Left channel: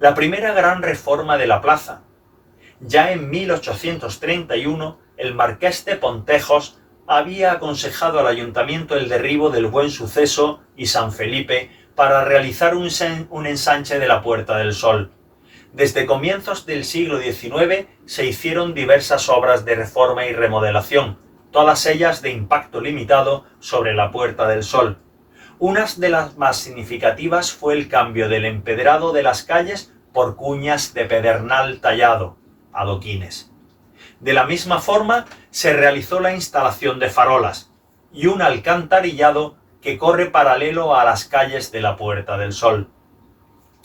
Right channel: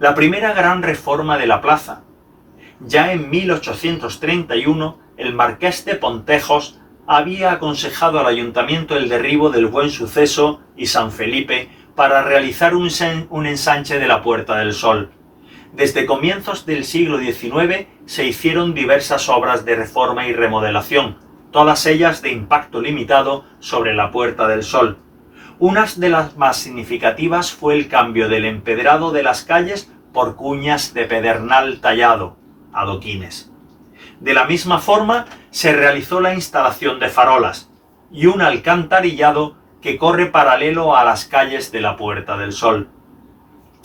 la primera gran reforma de la plaza. Ya en 1831, el marqués de Pontejos había aconsejado al ayuntamiento el derribo del Buen Suceso y San Felipe para realizar un ensanche de la Puerta del Sol. Desde comienzos del siglo XIX se hicieron diversas obras de reforma y remodelación, todas ellas de impacto limitado sobre la Puerta del Sol. Una de las más significativas fue el cambio del empedrado de las calles por cuñas de pedernal tallado, adoquines. De la misma forma se realizó la instalación de farolas y un alcantarillado que corre paralelo a las calles de la Puerta del Sol.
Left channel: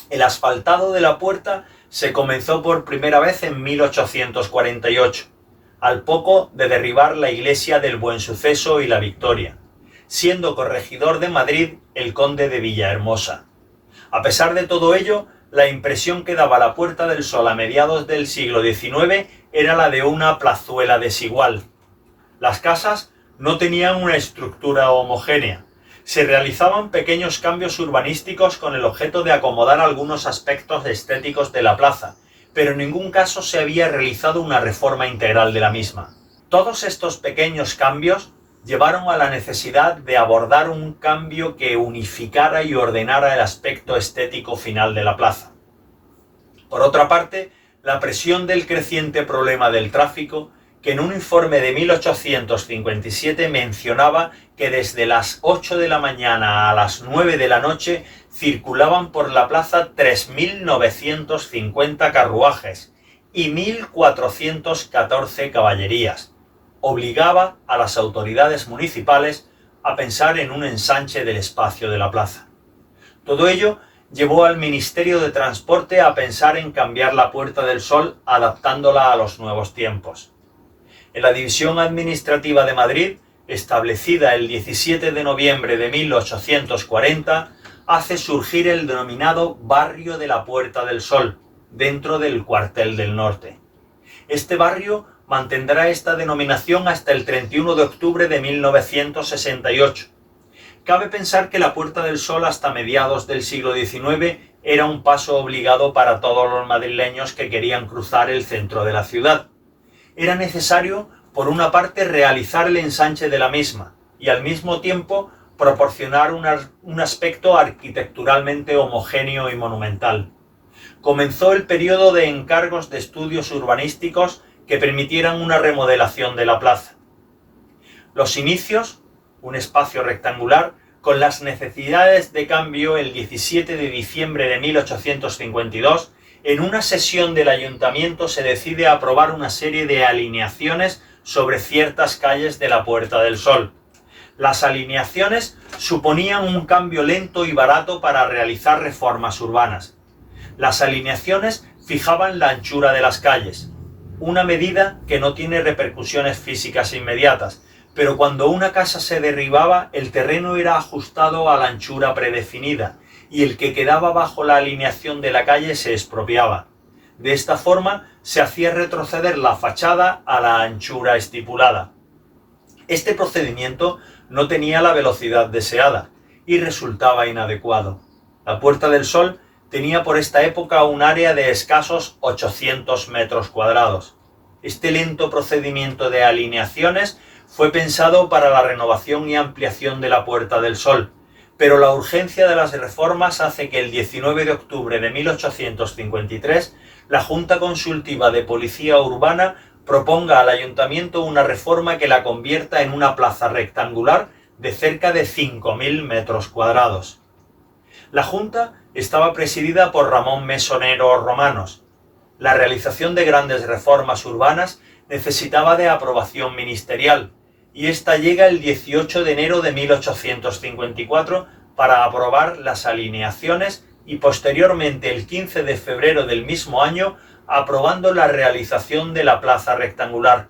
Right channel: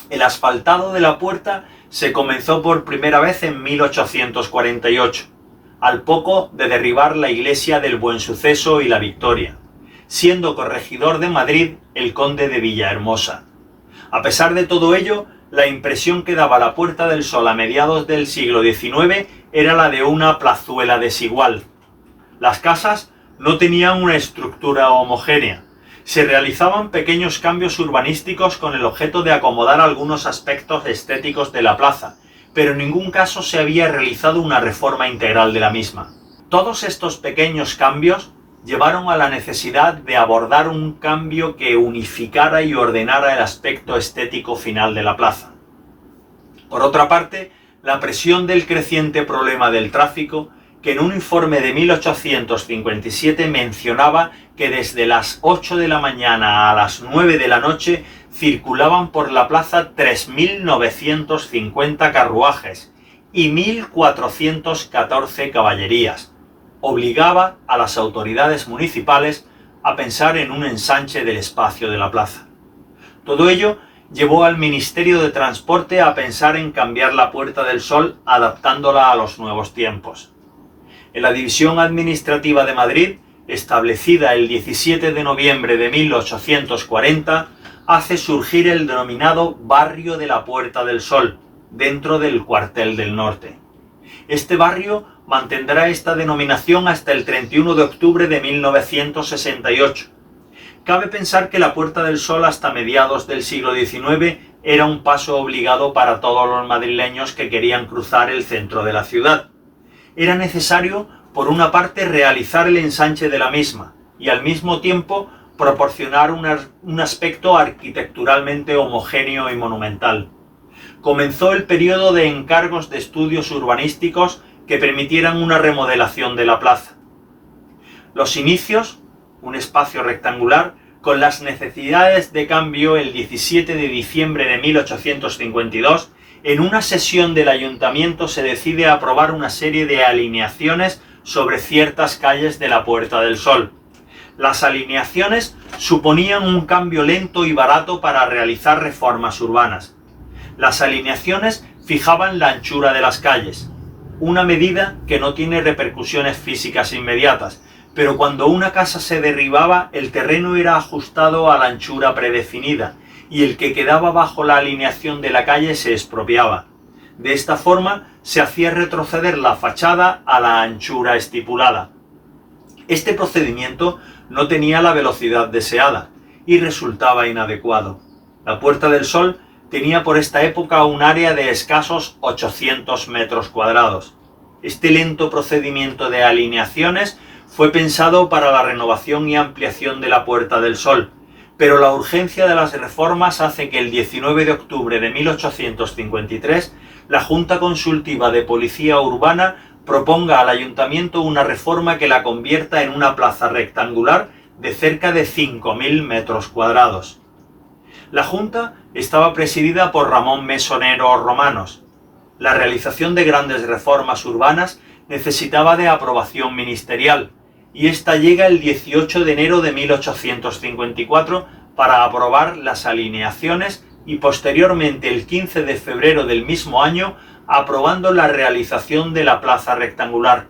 El asfaltado de la puerta se comenzó por primera vez en 1848, al poco de derribar la iglesia del Buen Suceso y la Victoria, siendo corregidor de Madrid el conde de Villahermosa. A pesar de todo ello, la impresión que daba la Puerta del Sol a mediados del siglo XIX era la de una plazuela desigual. Las casas no tenían una estructura homogénea. Se realizaban pequeños cambios urbanísticos con el objeto de acomodar algunos aspectos estéticos de la plaza, pero en ningún caso se había realizado una reforma integral de la misma. Todos estos pequeños cambios llevaron a la necesidad de abordar un cambio que unificara y ordenara el aspecto estético final de la plaza. Por otra parte, la presión del creciente problema del tráfico, que en un informe de 1857 mencionaba que desde las 8 de la mañana a las 9 de la noche circulaban por la plaza 3.950 carruajes y 1.414 caballerías, obligaba a las autoridades municipales a pensar en un ensanche del espacio de la plaza. Todo ello llevó al Ministerio de Transporte a pensar en cambiar la Puerta del Sol adaptándola a los nuevos tiempos. En la División Administrativa de Madrid, establecida el 17 de noviembre de 1840, hace surgir el denominado Barrio de la Puerta del Sol, dentro del Cuartel del Norte. Este barrio mantendrá esta denominación hasta el 31 de octubre de 1968. Cabe pensar que la Puerta del Sol hasta mediados del siglo XIX era un paso obligado para todos los madrileños que querían cruzar el centro de la ciudad. Era necesario, por una parte, realizar el ensanche de la misma y al mismo tiempo proporcionar un aspecto arquitecturalmente homogéneo y monumental. Comenzó el periodo de encargos de estudios urbanísticos que permitieran una remodelación de la plaza. Los inicios, un espacio rectangular, con las necesidades de cambio el 17 de diciembre de 1852, en una sesión del ayuntamiento se decide aprobar una serie de alineaciones sobre ciertas calles de la Puerta del Sol. Las alineaciones suponían un cambio lento y barato para realizar reformas urbanas. Las alineaciones fijaban la anchura de las calles, una medida que no tiene repercusiones físicas inmediatas, pero cuando una casa se derribaba, el terreno era ajustado a la anchura predefinida, y el que quedaba bajo la alineación de la calle se expropiaba. De esta forma se hacía retroceder la fachada a la anchura estipulada. Este procedimiento no tenía la velocidad deseada y resultaba inadecuado. La Puerta del Sol tenía por esta época un área de escasos 800 metros cuadrados. Este lento procedimiento de alineaciones fue pensado para la renovación y ampliación de la Puerta del Sol, pero la urgencia de las reformas hace que el 19 de octubre de 1853 la Junta Consultiva de Policía Urbana proponga al Ayuntamiento una reforma que la convierta en una plaza rectangular de cerca de 5.000 metros cuadrados. La Junta estaba presidida por Ramón Mesonero Romanos. La realización de grandes reformas urbanas necesitaba de aprobación ministerial, y esta llega el 18 de enero de 1854 para aprobar las alineaciones y posteriormente el 15 de febrero del mismo año aprobando la realización de la plaza rectangular.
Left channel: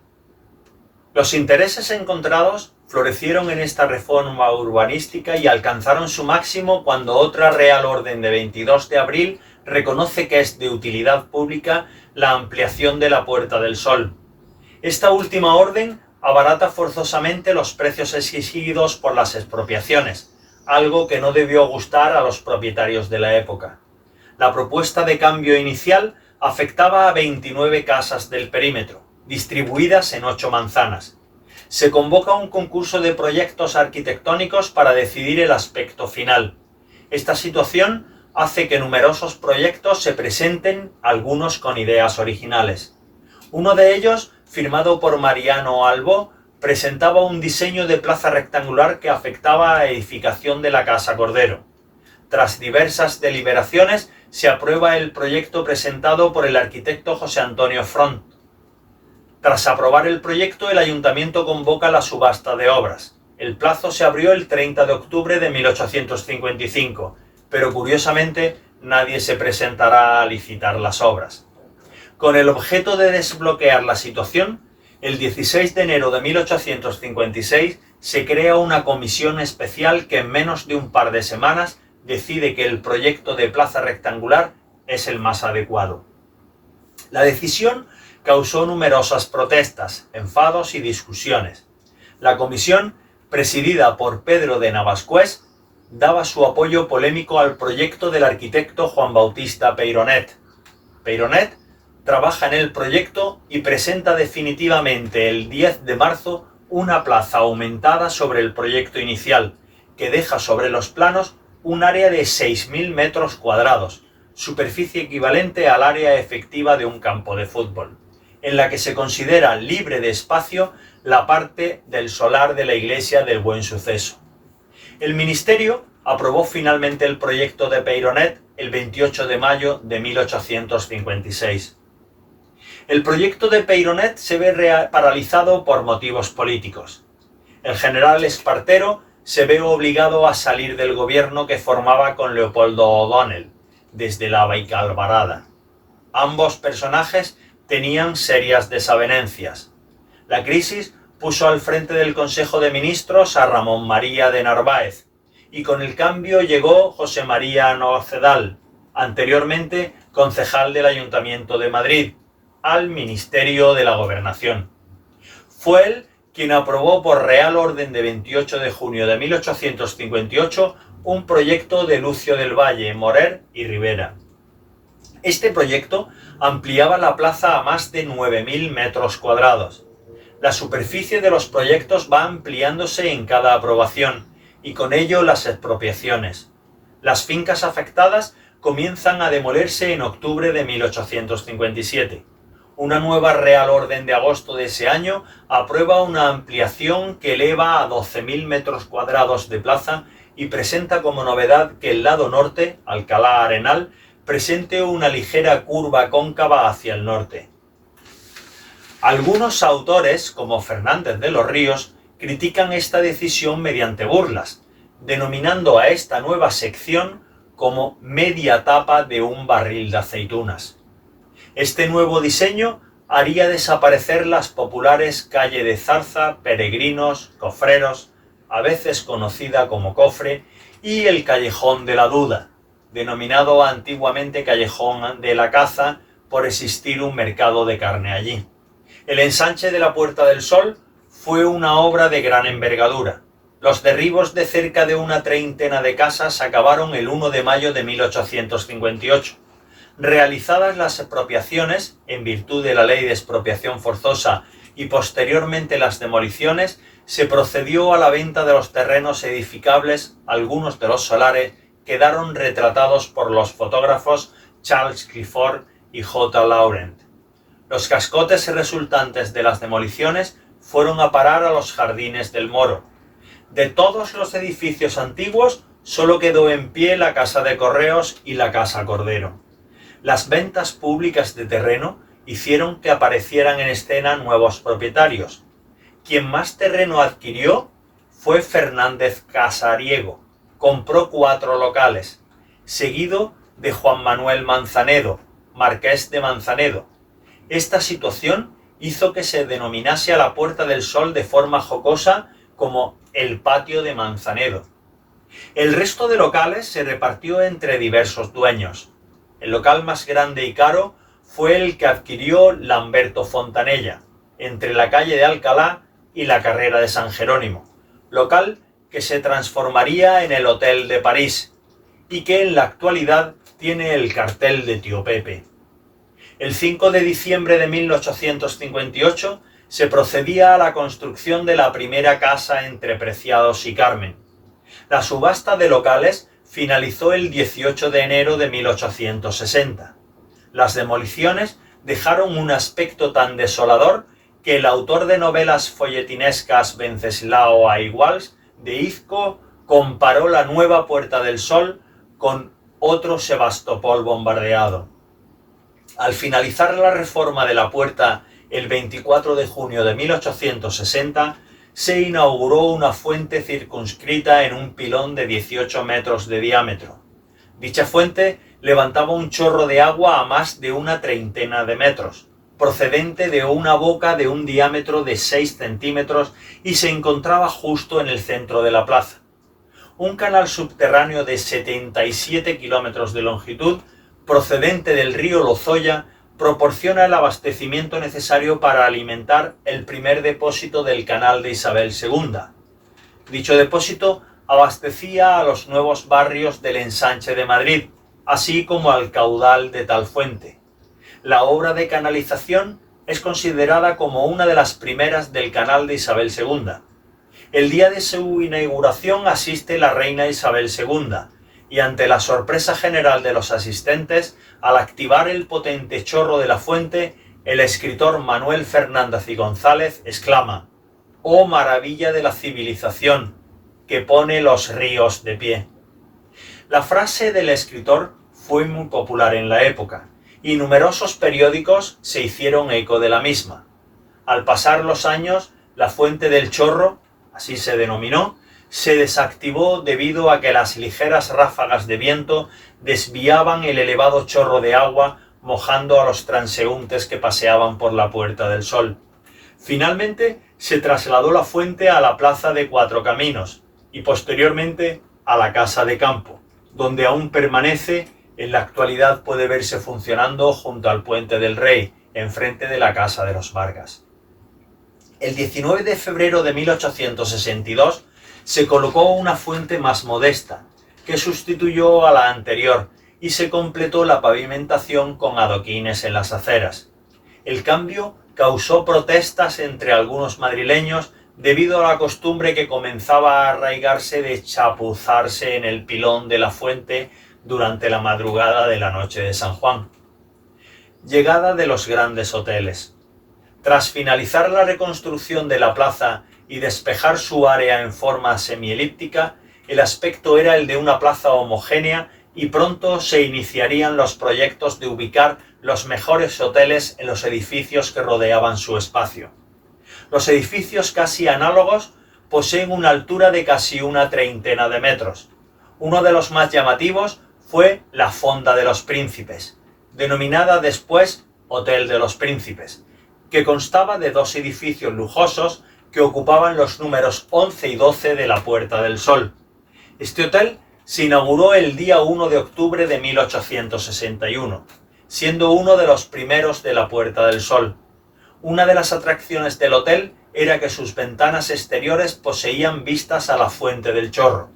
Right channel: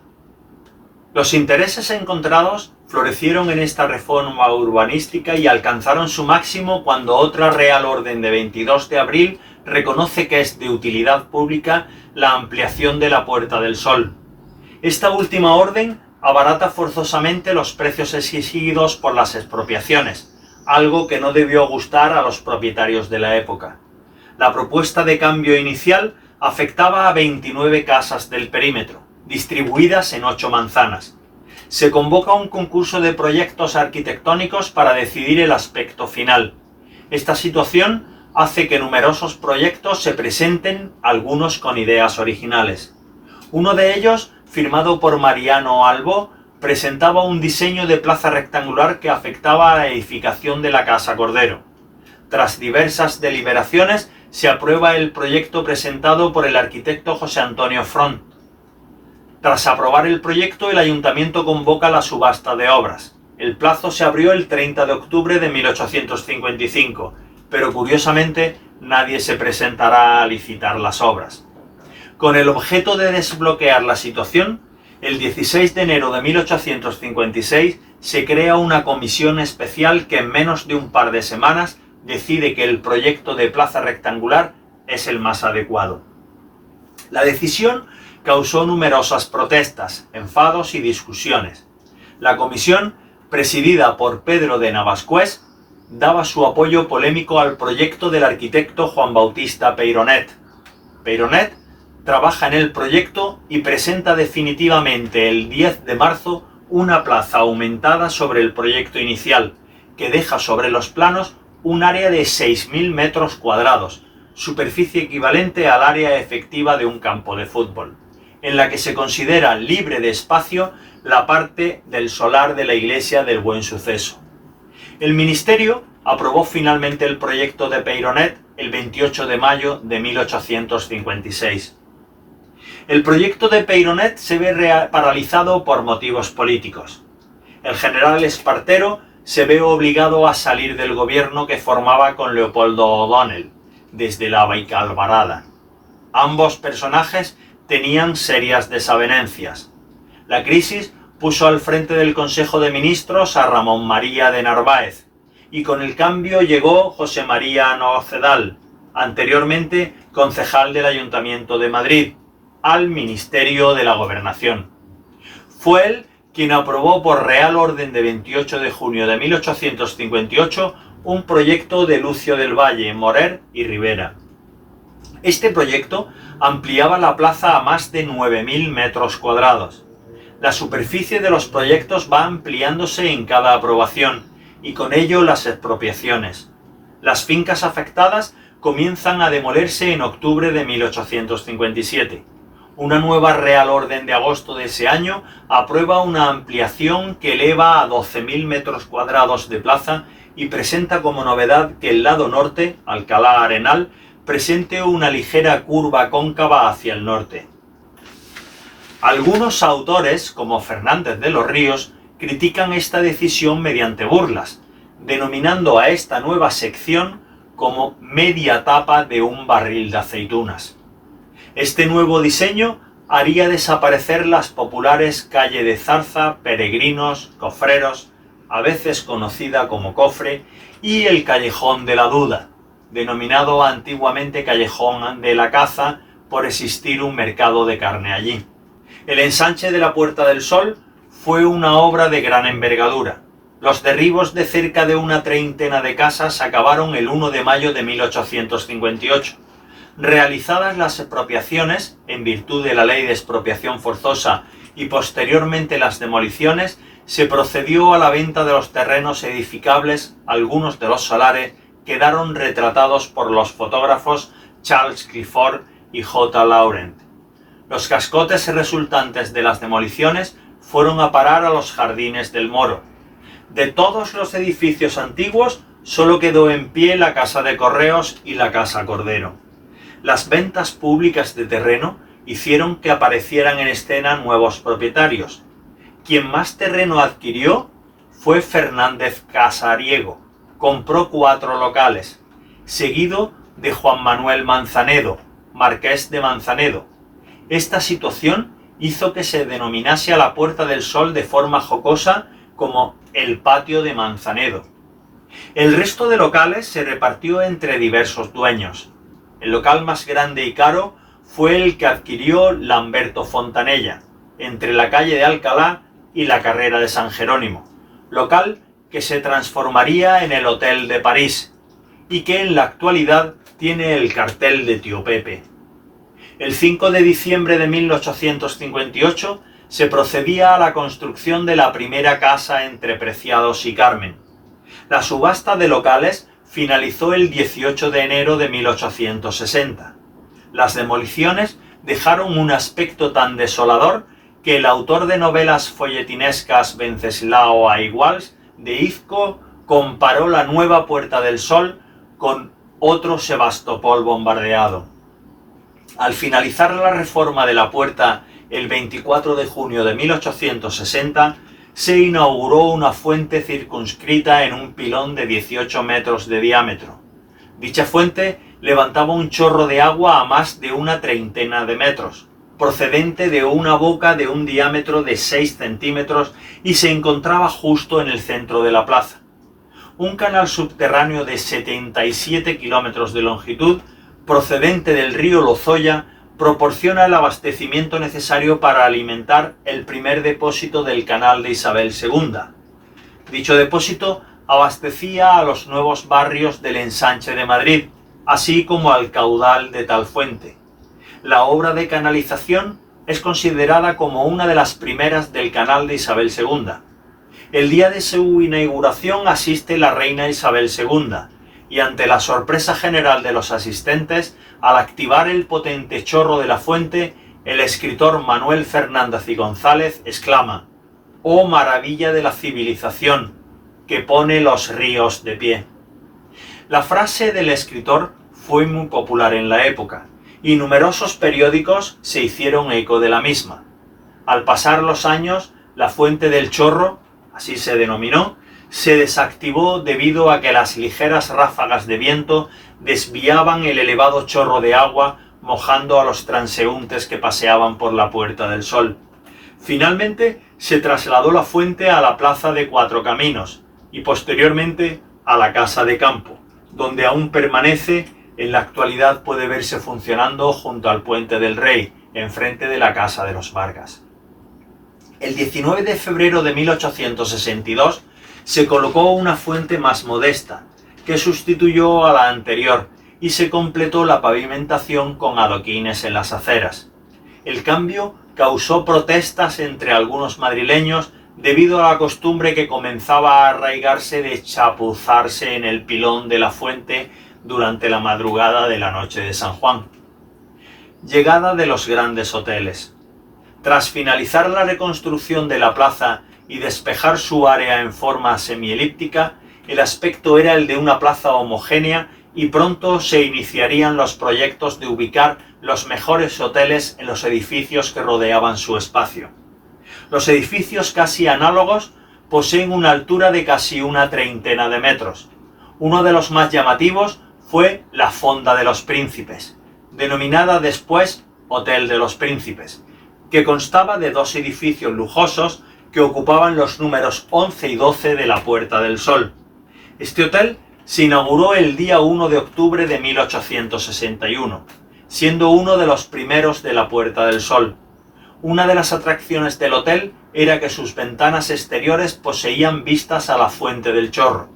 Los intereses encontrados florecieron en esta reforma urbanística y alcanzaron su máximo cuando otra Real Orden de 22 de abril reconoce que es de utilidad pública la ampliación de la Puerta del Sol. Esta última orden abarata forzosamente los precios exigidos por las expropiaciones, algo que no debió gustar a los propietarios de la época. La propuesta de cambio inicial afectaba a 29 casas del perímetro, distribuidas en 8 manzanas. Se convoca un concurso de proyectos arquitectónicos para decidir el aspecto final. Esta situación hace que numerosos proyectos se presenten, algunos con ideas originales. Uno de ellos, firmado por Mariano Albó, presentaba un diseño de plaza rectangular que afectaba a la edificación de la Casa Cordero. Tras diversas deliberaciones, se aprueba el proyecto presentado por el arquitecto José Antonio Front. Tras aprobar el proyecto, el ayuntamiento convoca la subasta de obras. El plazo se abrió el 30 de octubre de 1855, pero curiosamente nadie se presentará a licitar las obras. Con el objeto de desbloquear la situación, el 16 de enero de 1856 se crea una comisión especial que en menos de un par de semanas decide que el proyecto de plaza rectangular es el más adecuado. La decisión causó numerosas protestas, enfados y discusiones. La comisión, presidida por Pedro de Navascués, daba su apoyo polémico al proyecto del arquitecto Juan Bautista Peyronet. Peyronet trabaja en el proyecto y presenta definitivamente el 10 de marzo una plaza aumentada sobre el proyecto inicial, que deja sobre los planos un área de 6.000 metros cuadrados, superficie equivalente al área efectiva de un campo de fútbol, en la que se considera libre de espacio la parte del solar de la iglesia del Buen Suceso. El Ministerio aprobó finalmente el proyecto de Peyronet el 28 de mayo de 1856. El proyecto de Peyronet se ve paralizado por motivos políticos. El general Espartero se ve obligado a salir del gobierno que formaba con Leopoldo O'Donnell, desde la Baicalbarada. Ambos personajes tenían serias desavenencias. La crisis puso al frente del Consejo de Ministros a Ramón María de Narváez, y con el cambio llegó José María Nocedal, anteriormente concejal del Ayuntamiento de Madrid, al Ministerio de la Gobernación. Fue él quien aprobó por Real Orden de 28 de junio de 1858 un proyecto de Lucio del Valle, Morer y Rivera. Este proyecto ampliaba la plaza a más de 9.000 metros cuadrados. La superficie de los proyectos va ampliándose en cada aprobación y con ello las expropiaciones. Las fincas afectadas comienzan a demolerse en octubre de 1857. Una nueva Real Orden de agosto de ese año aprueba una ampliación que eleva a 12.000 metros cuadrados de plaza y presenta como novedad que el lado norte, Alcalá Arenal, presente una ligera curva cóncava hacia el norte. Algunos autores, como Fernández de los Ríos, critican esta decisión mediante burlas, denominando a esta nueva sección como media tapa de un barril de aceitunas. Este nuevo diseño haría desaparecer las populares calle de Zarza, Peregrinos, Cofreros, a veces conocida como Cofre, y el Callejón de la Duda, denominado antiguamente Callejón de la Caza por existir un mercado de carne allí. El ensanche de la Puerta del Sol fue una obra de gran envergadura. Los derribos de cerca de una treintena de casas acabaron el 1 de mayo de 1858. Realizadas las expropiaciones, en virtud de la ley de expropiación forzosa, y posteriormente las demoliciones, se procedió a la venta de los terrenos edificables. Algunos de los solares quedaron retratados por los fotógrafos Charles Clifford y J. Laurent. Los cascotes resultantes de las demoliciones fueron a parar a los jardines del Moro. De todos los edificios antiguos, solo quedó en pie la Casa de Correos y la Casa Cordero. Las ventas públicas de terreno hicieron que aparecieran en escena nuevos propietarios. Quien más terreno adquirió fue Fernández Casariego. Compró 4 locales, seguido de Juan Manuel Manzanedo, marqués de Manzanedo. Esta situación hizo que se denominase a la Puerta del Sol de forma jocosa como el Patio de Manzanedo. El resto de locales se repartió entre diversos dueños. El local más grande y caro fue el que adquirió Lamberto Fontanella, entre la calle de Alcalá y la carrera de San Jerónimo, local que se transformaría en el Hotel de París y que en la actualidad tiene el cartel de Tío Pepe. El 5 de diciembre de 1858 se procedía a la construcción de la primera casa entre Preciados y Carmen. La subasta de locales finalizó el 18 de enero de 1860. Las demoliciones dejaron un aspecto tan desolador que el autor de novelas folletinescas Venceslao Aiguals de Izco comparó la nueva Puerta del Sol con otro Sebastopol bombardeado. Al finalizar la reforma de la puerta el 24 de junio de 1860, se inauguró una fuente circunscrita en un pilón de 18 metros de diámetro. Dicha fuente levantaba un chorro de agua a más de una treintena de metros, procedente de una boca de un diámetro de 6 centímetros y se encontraba justo en el centro de la plaza. Un canal subterráneo de 77 kilómetros de longitud, procedente del río Lozoya, proporciona el abastecimiento necesario para alimentar el primer depósito del canal de Isabel II. Dicho depósito abastecía a los nuevos barrios del Ensanche de Madrid, así como al caudal de tal fuente. La obra de canalización es considerada como una de las primeras del canal de Isabel II. El día de su inauguración asiste la reina Isabel II, y ante la sorpresa general de los asistentes, al activar el potente chorro de la fuente, el escritor Manuel Fernández y González exclama: «¡Oh maravilla de la civilización, que pone los ríos de pie!». La frase del escritor fue muy popular en la época, y numerosos periódicos se hicieron eco de la misma. Al pasar los años, la fuente del chorro, así se denominó, se desactivó debido a que las ligeras ráfagas de viento desviaban el elevado chorro de agua, mojando a los transeúntes que paseaban por la Puerta del Sol. Finalmente se trasladó la fuente a la Plaza de Cuatro Caminos y posteriormente a la Casa de Campo, donde aún permanece. En la actualidad puede verse funcionando junto al Puente del Rey, enfrente de la Casa de los Vargas. El 19 de febrero de 1862 se colocó una fuente más modesta, que sustituyó a la anterior, y se completó la pavimentación con adoquines en las aceras. El cambio causó protestas entre algunos madrileños debido a la costumbre que comenzaba a arraigarse de chapuzarse en el pilón de la fuente durante la madrugada de la noche de San Juan. Llegada de los grandes hoteles. Tras finalizar la reconstrucción de la plaza y despejar su área en forma semielíptica, el aspecto era el de una plaza homogénea y pronto se iniciarían los proyectos de ubicar los mejores hoteles en los edificios que rodeaban su espacio. Los edificios casi análogos poseen una altura de casi una treintena de metros. Uno de los más llamativos fue la Fonda de los Príncipes, denominada después Hotel de los Príncipes, que constaba de dos edificios lujosos que ocupaban los números 11 y 12 de la Puerta del Sol. Este hotel se inauguró el día 1 de octubre de 1861, siendo uno de los primeros de la Puerta del Sol. Una de las atracciones del hotel era que sus ventanas exteriores poseían vistas a la Fuente del Chorro.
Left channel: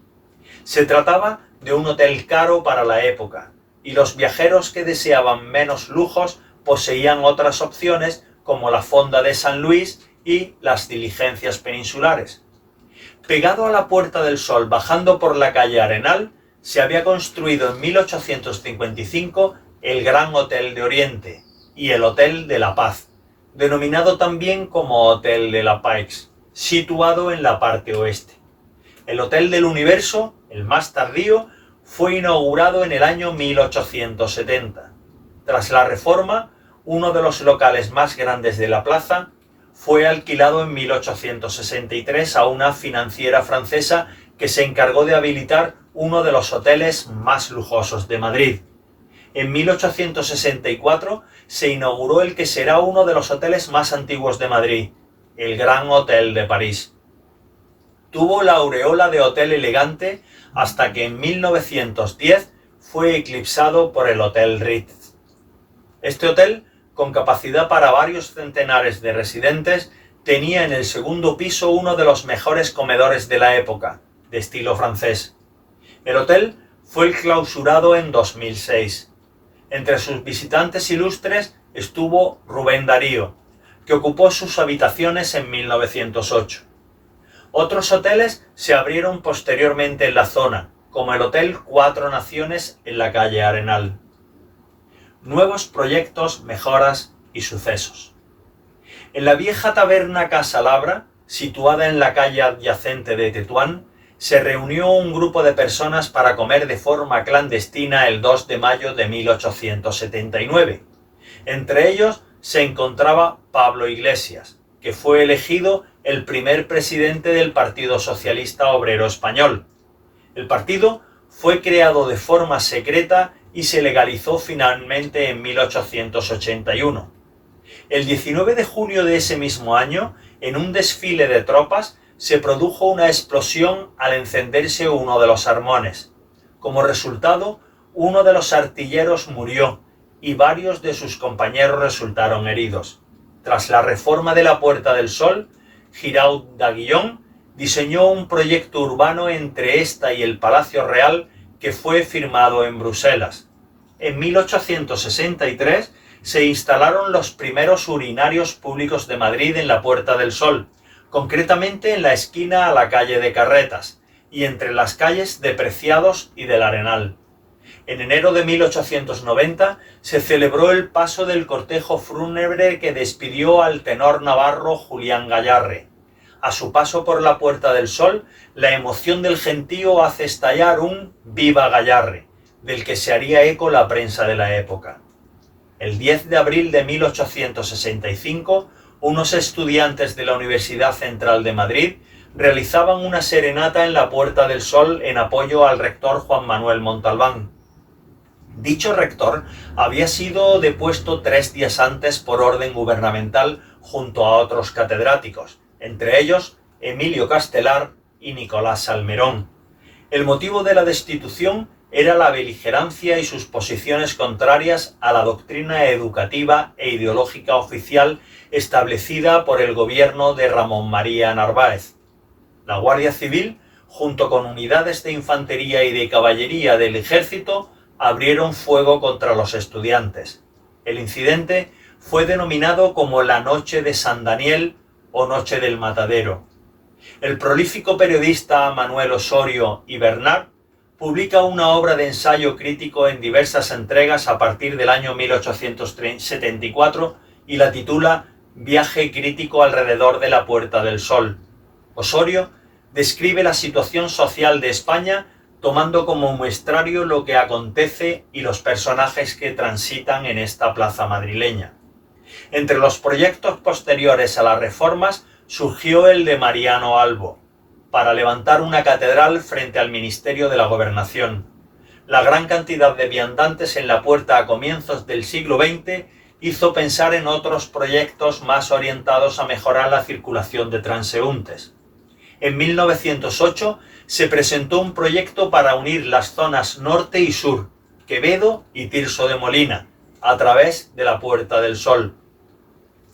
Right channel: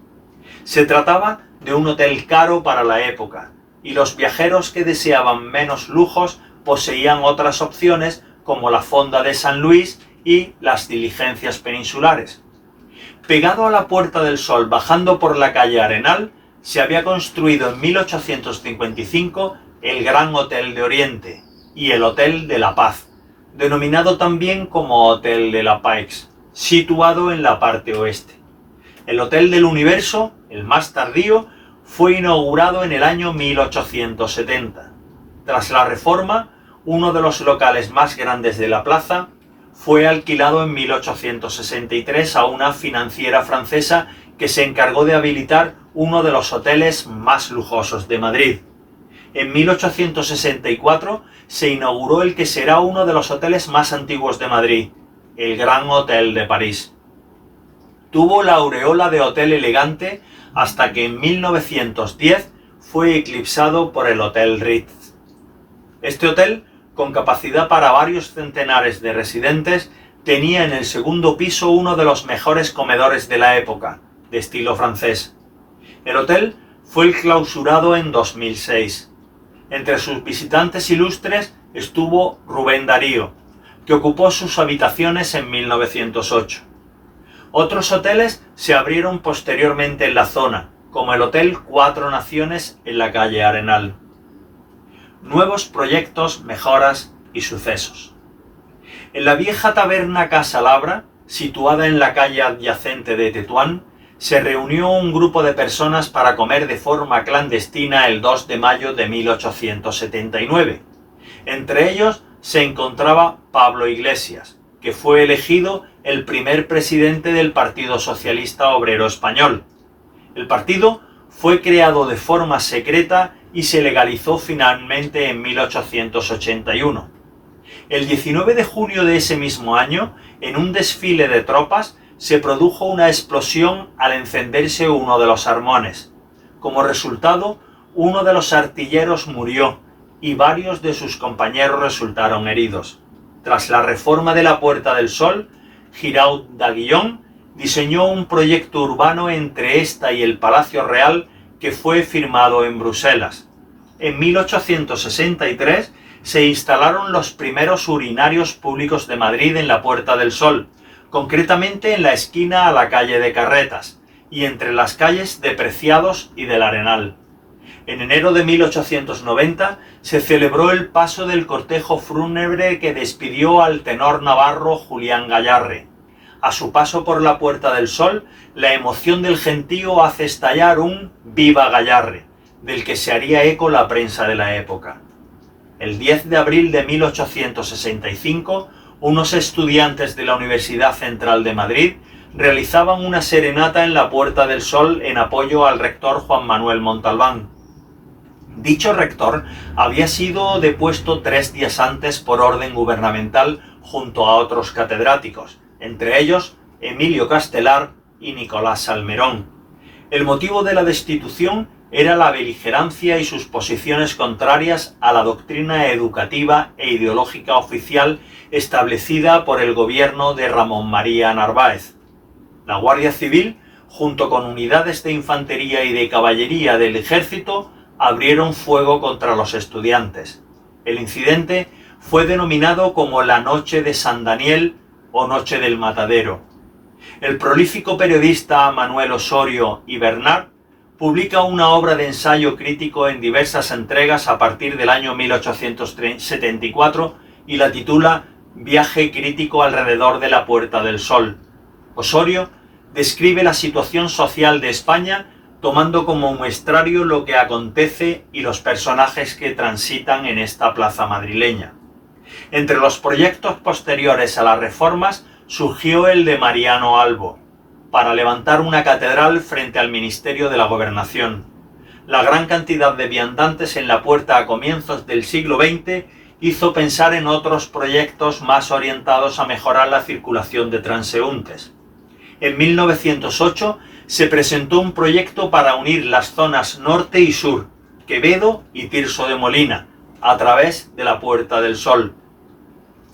Se trataba de un hotel caro para la época, y los viajeros que deseaban menos lujos poseían otras opciones como la Fonda de San Luis y las diligencias peninsulares. Pegado a la Puerta del Sol, bajando por la calle Arenal, se había construido en 1855 el Gran Hotel de Oriente y el Hotel de la Paz, denominado también como Hotel de la Paix, situado en la parte oeste. El Hotel del Universo, el más tardío, fue inaugurado en el año 1870. Tras la reforma, uno de los locales más grandes de la plaza fue alquilado en 1863 a una financiera francesa que se encargó de habilitar uno de los hoteles más lujosos de Madrid. En 1864 se inauguró el que será uno de los hoteles más antiguos de Madrid, el Gran Hotel de París. Tuvo la aureola de hotel elegante hasta que en 1910 fue eclipsado por el Hotel Ritz. Este hotel, con capacidad para varios centenares de residentes, tenía en el segundo piso uno de los mejores comedores de la época, de estilo francés. El hotel fue el clausurado en 2006. Entre sus visitantes ilustres estuvo Rubén Darío, que ocupó sus habitaciones en 1908. Otros hoteles se abrieron posteriormente en la zona, como el Hotel Cuatro Naciones en la calle Arenal. Nuevos proyectos, mejoras y sucesos. En la vieja taberna Casa Labra, situada en la calle adyacente de Tetuán, se reunió un grupo de personas para comer de forma clandestina el 2 de mayo de 1879. Entre ellos se encontraba Pablo Iglesias, que fue elegido el primer presidente del Partido Socialista Obrero Español. El partido fue creado de forma secreta y se legalizó finalmente en 1881. El 19 de junio de ese mismo año, en un desfile de tropas, se produjo una explosión al encenderse uno de los armones. Como resultado, uno de los artilleros murió y varios de sus compañeros resultaron heridos. Tras la reforma de la Puerta del Sol, Giraud d'Aguillon diseñó un proyecto urbano entre esta y el Palacio Real que fue firmado en Bruselas. En 1863 se instalaron los primeros urinarios públicos de Madrid en la Puerta del Sol, concretamente en la esquina a la calle de Carretas y entre las calles de Preciados y del Arenal. En enero de 1890 se celebró el paso del cortejo fúnebre que despidió al tenor navarro Julián Gayarre. A su paso por la Puerta del Sol, la emoción del gentío hace estallar un «Viva Gayarre», del que se haría eco la prensa de la época. El 10 de abril de 1865, unos estudiantes de la Universidad Central de Madrid realizaban una serenata en la Puerta del Sol en apoyo al rector Juan Manuel Montalbán. Dicho rector había sido depuesto 3 días antes por orden gubernamental junto a otros catedráticos, entre ellos Emilio Castelar y Nicolás Salmerón. El motivo de la destitución era la beligerancia y sus posiciones contrarias a la doctrina educativa e ideológica oficial establecida por el gobierno de Ramón María Narváez. La Guardia Civil, junto con unidades de infantería y de caballería del ejército, abrieron fuego contra los estudiantes. El incidente fue denominado como la Noche de San Daniel o Noche del Matadero. El prolífico periodista Manuel Osorio y Bernard publica una obra de ensayo crítico en diversas entregas a partir del año 1874 y la titula Viaje crítico alrededor de la Puerta del Sol. Osorio describe la situación social de España tomando como muestrario lo que acontece y los personajes que transitan en esta plaza madrileña. Entre los proyectos posteriores a las reformas surgió el de Mariano Albo, para levantar una catedral frente al Ministerio de la Gobernación. La gran cantidad de viandantes en la puerta a comienzos del siglo XX hizo pensar en otros proyectos más orientados a mejorar la circulación de transeúntes. En 1908 se presentó un proyecto para unir las zonas norte y sur, Quevedo y Tirso de Molina, a través de la Puerta del Sol.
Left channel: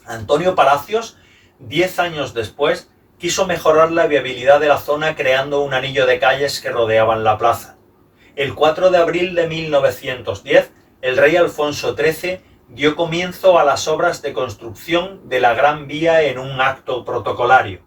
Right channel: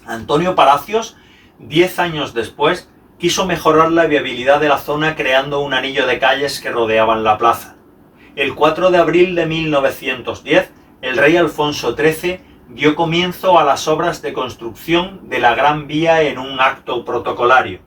Antonio Palacios, 10 años después, quiso mejorar la viabilidad de la zona creando un anillo de calles que rodeaban la plaza. El 4 de abril de 1910, el rey Alfonso XIII dio comienzo a las obras de construcción de la Gran Vía en un acto protocolario.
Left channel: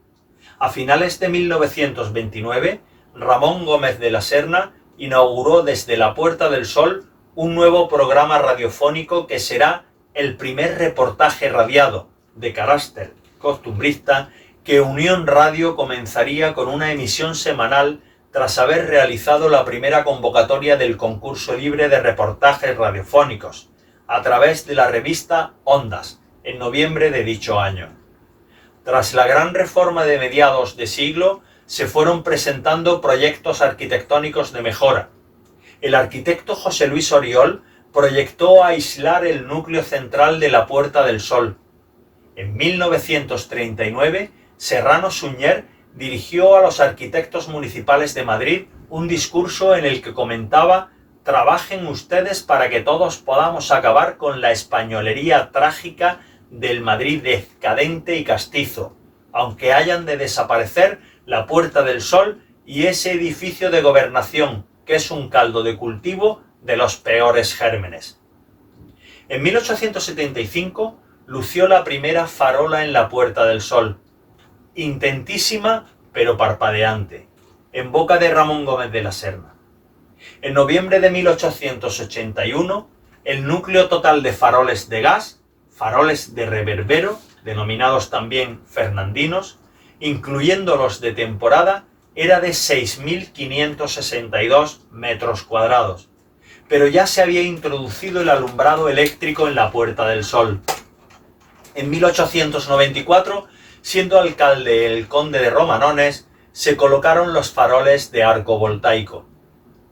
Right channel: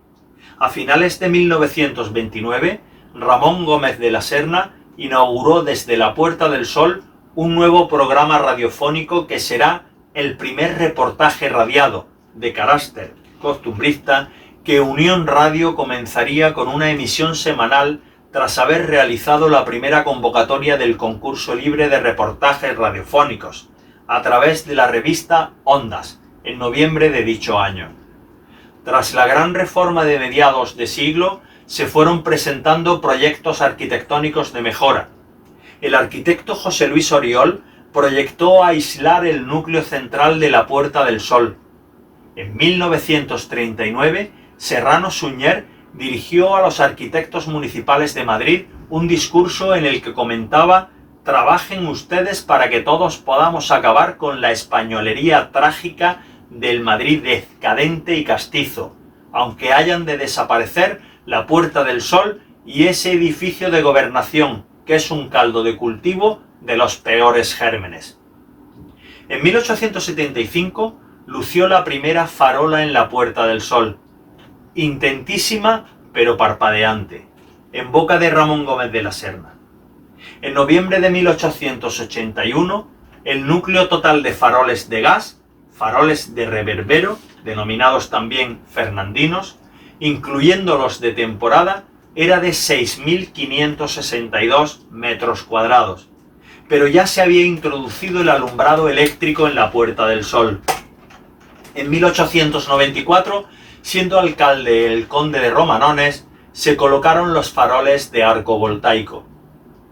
A finales de 1929, Ramón Gómez de la Serna inauguró desde la Puerta del Sol un nuevo programa radiofónico que será el primer reportaje radiado, de carácter costumbrista, que Unión Radio comenzaría con una emisión semanal tras haber realizado la primera convocatoria del concurso libre de reportajes radiofónicos, a través de la revista Ondas, en noviembre de dicho año. Tras la gran reforma de mediados de siglo, se fueron presentando proyectos arquitectónicos de mejora. El arquitecto José Luis Oriol proyectó aislar el núcleo central de la Puerta del Sol. En 1939, Serrano Suñer dirigió a los arquitectos municipales de Madrid un discurso en el que comentaba: «Trabajen ustedes para que todos podamos acabar con la españolería trágica del Madrid decadente y castizo, aunque hayan de desaparecer la Puerta del Sol y ese edificio de gobernación que es un caldo de cultivo de los peores gérmenes. En 1875 lució la primera farola en la Puerta del Sol, intentísima pero parpadeante, en boca de Ramón Gómez de la Serna. En noviembre de 1881, el núcleo total de faroles de gas, faroles de reverbero, denominados también fernandinos, incluyendo los de temporada, era de 6.562 metros cuadrados, pero ya se había introducido el alumbrado eléctrico en la Puerta del Sol. En 1894, siendo alcalde el conde de Romanones, se colocaron los faroles de arco voltaico.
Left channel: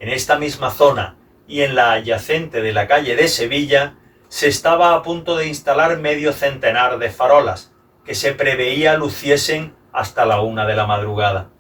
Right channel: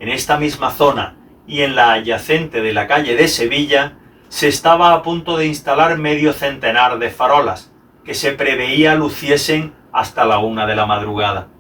En esta misma zona y en la adyacente de la calle de Sevilla, se estaba a punto de instalar medio centenar de farolas, que se preveía luciesen hasta la 1 de la madrugada.